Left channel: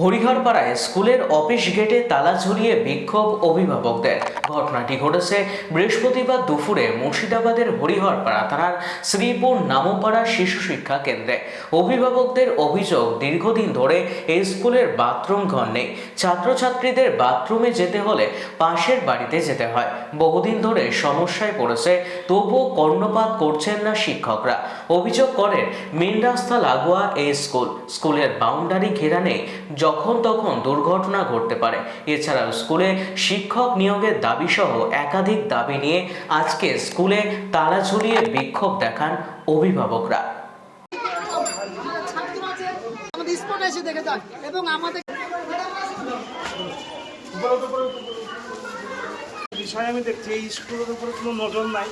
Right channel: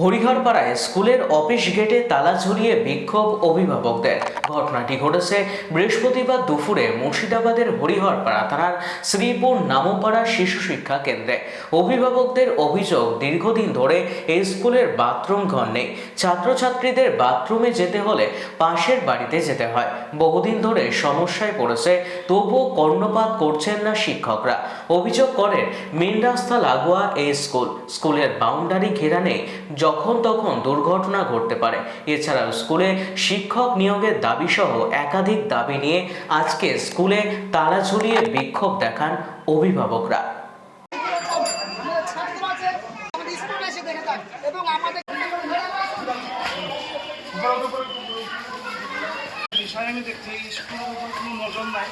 হরিহরপাড়ায় স্কুলের অফিস গেটে তালা ঝুলিয়ে বিক্ষোভ অভিভাবকদের। ঘটনাটি ঘটেছে বৃহস্পতিবার দুপুরে মুর্শিদাবাদের হরিহরপাড়া থানার শ্রীপুর নামপাড়া শিশু শিক্ষা কেন্দ্রে। অভিভাবকদের অভিযোগ, দীর্ঘদিন ধরে এই স্কুলের বাথরুম ঘর নেই। ছাত্রছাত্রীদের বাথরুমে যেতে হলে পাশের বাড়িতে যেতে হয়। বহুদিন ধরে সমস্যায় পড়েছে, তবুও কর্ণপাত করছেন না শিক্ষকরা। অভিযোগ করেন, মেন রাস্তা লাগোয়া এই স্কুল। স্কুলের বাউন্ডারি ঘেরা নেই যখন তখন দুর্ঘটনা ঘটতে পারে। এছাড়াও স্কুলে শিক্ষক নিয়োগের দাবি সহ একাধিক দাবি নিয়ে আজকে স্কুলে তালা ঝুলিয়ে বিক্ষোভ দেখান অভিভাবকরা। নজর নাই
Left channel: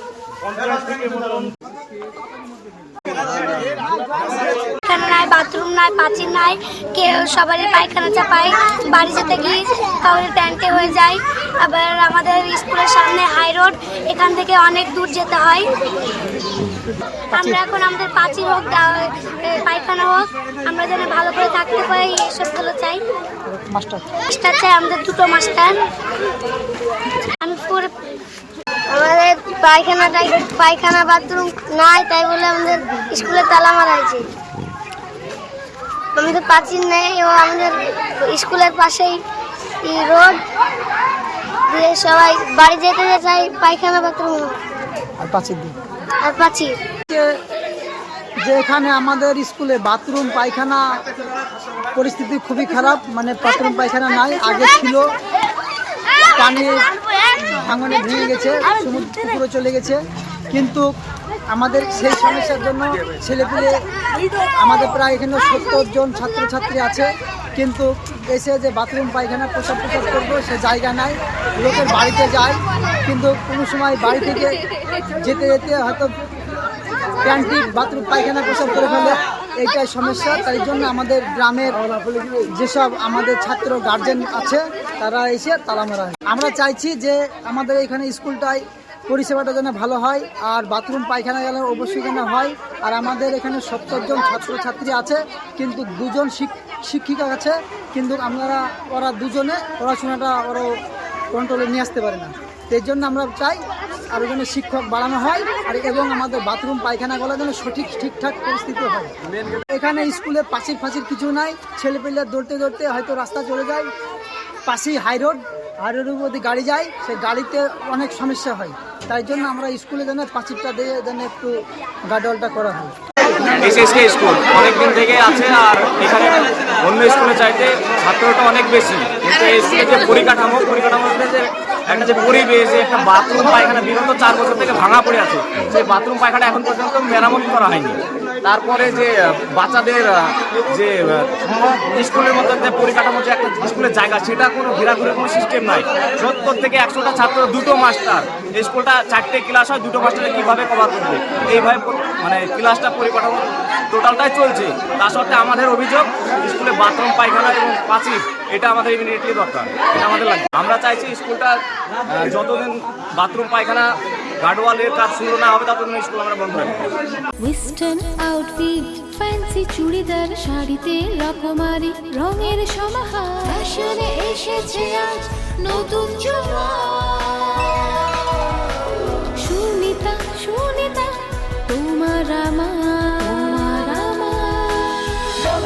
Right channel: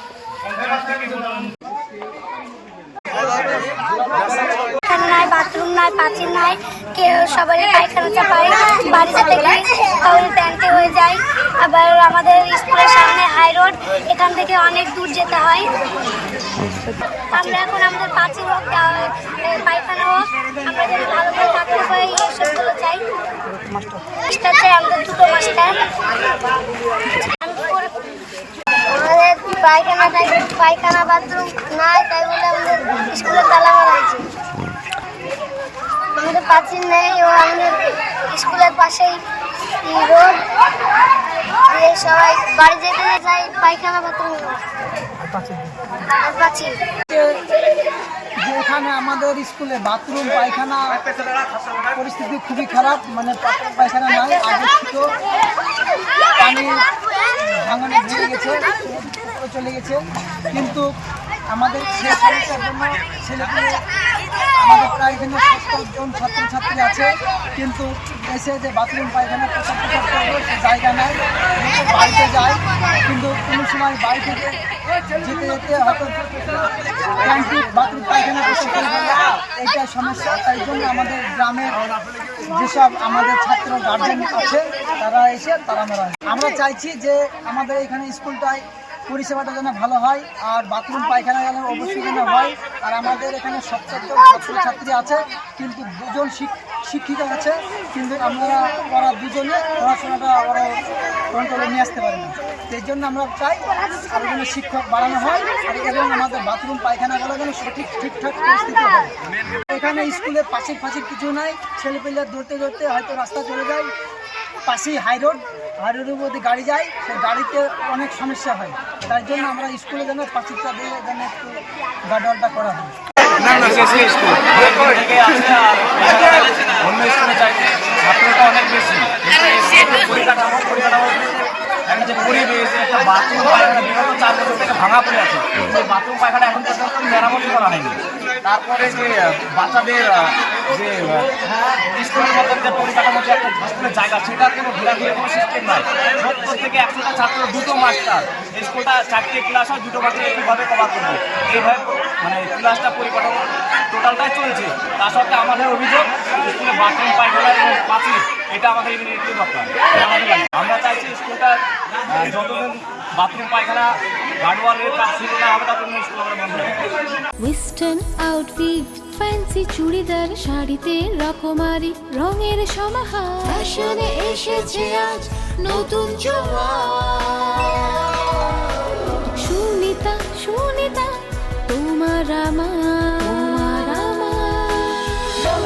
নাই বাথরুম নাই, পাঁচিল নাই, কেউ সবারই পায়খানা চাপায়, বাড়ি যেতে গেলে কাউরে ট্যাঙ্কে হয়ে যায়। আবার আমাদের স্কুলের সামনে হাই রোড এখান থেকে অনেক দূর যেতে হয়। আমরা এখন আমাদের পাঁচিল হোক পায়খানা হোক, আমরা যেন ভালো করে থাকতে পারি এসবগুলো চাই। মাস্টার চাই, আমাদের দুটো মাস্টার। আমি পরে আমাদের পায়খানা পায়খানা বাথরুম নাই, তাই বলে আমাদের স্কুলে তালা মারা হয়েছে আমাদের প্রাচীন নেই ও আমাদের স্কুলের পাশেই রোড। দিয়ে সবাই বাড়ি যেতে যেতে পায়খানা বাথরুম। প্রাচীর যে যে এখানে আমাদের স্কুলে বাথরুম পায়খানা পরিস্থিতি খুবই খারাপ মানে বাথরুম পায়খানা নাই আগে ছিল। পানি ভাঙনে ভেঙে গেছে সমুদ্র পুকুরে চলে গেছে। কিন্তু আমাদের সেই সমস্যার জন্য ছেলেপুলে আমাদের প্রায় এখানে সত্তর জন ছাত্রছাত্রী আছে, কিন্তু এসে যে বাথরুম পায়খানা প্রসাব প্রসাব করব সে জায়গা নাই লোকের বাড়িতে যায়, কিন্তু কোনো সময় বাড়ি থেকে যেতে যেতে হয়তো ক্যান্টিন বাথরুম পায়খানা প্রসাব করে ফেলে, এইটাই সমস্যা। তাই জন্য আমাদের গ্রামের যেসব আমাদের ছাত্র গার্জেন আছে, তারা এসে তালা মারা আমরা চাইছি যে আমাদের এখানে স্কুলটায় পরিষেবাটা যেন ভালো হয়, আর বাথরুম পায়খানা গেলে অবশ্যই যেন হয়। আর আমাদের এখানে সত্তরজন ছাত্রছাত্রী আছে, কিন্তু দুজন শিক- শিক্ষিকা আছে, কিন্তু আমরা, ওরা দুজনে পড়াশোনাটা ওরা কন্ট্রোলে নিয়ে আসতে পারে না। এর জন্য আমরা চাই আরও যেন শিক্ষক বাড়ানো হয় আর এবং আমাদের বাথরুম, পায়খানাগুলো যেন সঠিক, ঠিকঠাক পরিস্থিতি হয়। এখানে স্কুলে পাঁচির ফাঁচির কিছু নাই। ছেলেপেলে দৌড়তে দৌড়তে হয়তো রাস্তা চলে যায়। পাশেই হাই রোড, হাই রোডের মধ্যে গাড়ি যায়। সে গাড়িতে অনেক সমস্যা হয়। তাই জন্য আমরা স্কুলে যেন পাঁচিরটা দিয়ে যেন একটু গাডলটা করা হয়। আর অন্য স্কুলে চাইতে ছাত্রটা অনেক বেশি। কিন্তু পরিকাঠামো পরিকাঠামো একটা যে পরিবেশ একটা বাথরুম পায়খানা বিগত চার বছর থেকে ভাঙা পড়ে আছে, সেই বাথরুম পায়খানা এখন পর্যন্ত মেরামতি করা হয়নি। তারপরে যে বাচ্চাদের যে স্কুলের মতো যে পরিকাঠামো, যে একটা স্কুলের জায়গা, সেটা কোনো ঘোরাঘুরি কোনো সিস্টেম নাই। সত্তর থেকে একশোটা ছাত্র দুটো মাস্টার স্কুলটা চারটে ক্লাস হয়, দুটো মাস্টারকে কীভাবে কভার করবে? এইভাবে মানে ক্লাসটা পরিকাঠামো টোটালটাই চলছে। তা সত্ত্বে আমাদের অভিযোগ, স্কুলে বাথরুম পায়খানা এবং পাঁচিল এটা আমাদের ইমিডিয়েটলি দরকার। আমাদের লাগবে। আমরা চাইছি স্কুলটা যতদিন বাথরুম পায়খানা গার্ডওয়ালের কাজ শুরু না হবে, ততদিন স্কুল আমরা বন্ধ ওয়েস্টার্ন আউটফিট ফ্যান্সি চুড়িদার, শাড়িতে রকমারি, রঙের সমাহার। ফ্যাশনে এসেছে আজ নতুন সুনিতা